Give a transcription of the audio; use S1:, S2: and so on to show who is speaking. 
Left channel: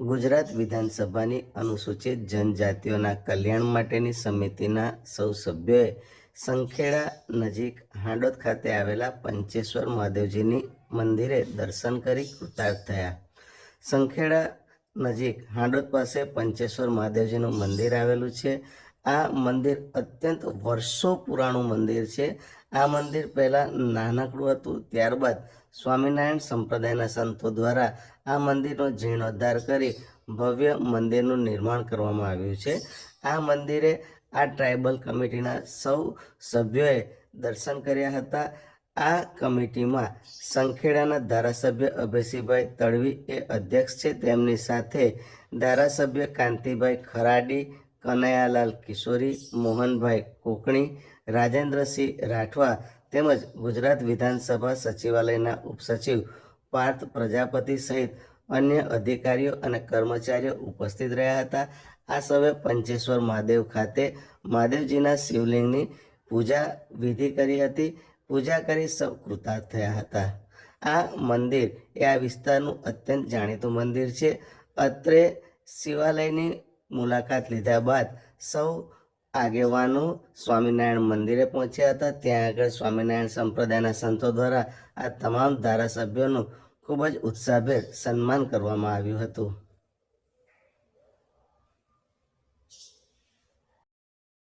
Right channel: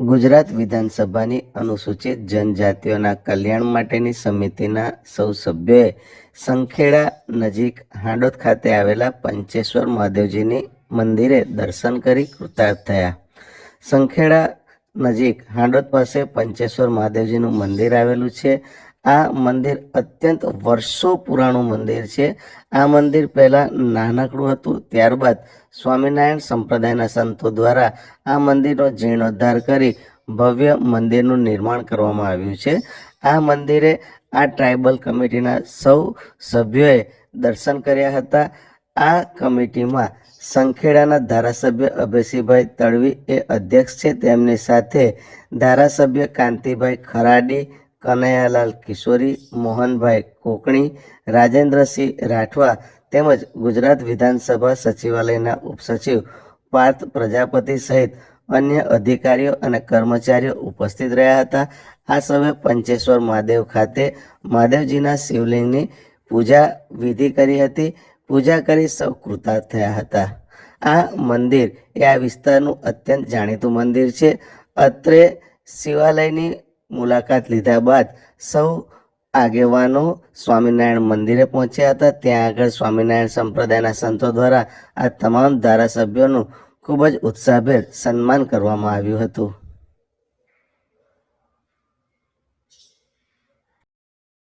S1: ગુજરાત વિધાનસભાની અનુસૂચિત જનજાતિઓના કલ્યાણ માટેની સમિતિના સૌ સભ્યોએ સંખેડા નજીક હાંડોદ ખાતે આવેલા પંચેશ્વર મહાદેવજીની મંદિરે દર્શન કરી કૃતાર્થ થયા. સંખેડા નજીક હાંડોદ પાસે પંચેશ્વર મહાદેવજીનું મંદિર આવેલું છે. આ મંદિર અત્યંત વર્ષો પુરાણું મંદિર છે. આ મંદિર પહેલાં નાનકડું હતું, ત્યારબાદ સ્વામિનારાયણ સંપ્રદાયના સંતો દ્વારા આ મંદિરનો જીર્ણોદ્ધાર કરી ભવ્ય મંદિરનું નિર્માણ કરવામાં આવ્યું છે. આ મંદિરે આ ટ્રાઇબલ કમિટીના સૌ સભ્યોએ દર્શન કર્યા હતા. આ કમિટીમાં સંખેડાના ધારાસભ્ય અભયસિંહભાઈ તડવી એ અધ્યક્ષ છે. તેમની સાથે ધારાસભ્ય કાંતિભાઈ ખરાડી કનૈયાલાલ કિશોરી, મોહનભાઈ કોકણી, રાજેન્દ્રસિંહ રાઠવા તેમજ ગુજરાત વિધાનસભા સચિવાલયના ઉપસચિવ, પાર્થ પ્રજાપતિ સહિત અન્ય અધિકારીઓ અને કર્મચારીઓ ઉપસ્થિત રહ્યા હતા. આ સૌએ પંચેશ્વર મહાદેવ ખાતે મહાદેવજીના શિવલિંગની પૂજા વિધિ કરી હતી. પૂજા કરી સૌ કૃતાર્થ થયા હતા. આ મંદિર એ આ વિસ્તારનું અત્યંત જાણીતું મંદિર છે. અત્રે શિવાલયની મુલાકાત લીધા બાદ સૌ આગેવાનો સ્વામિનારાયણ મંદિરે પહોંચ્યા હતા. ત્યાં આગળ સ્વામિનારાયણ સંપ્રદાયના સંતો દ્વારા આ તમામ ધારાસભ્યોનું ખૂબ જ ઉત્સાહભેર સન્માન કરવામાં આવ્યું હતું.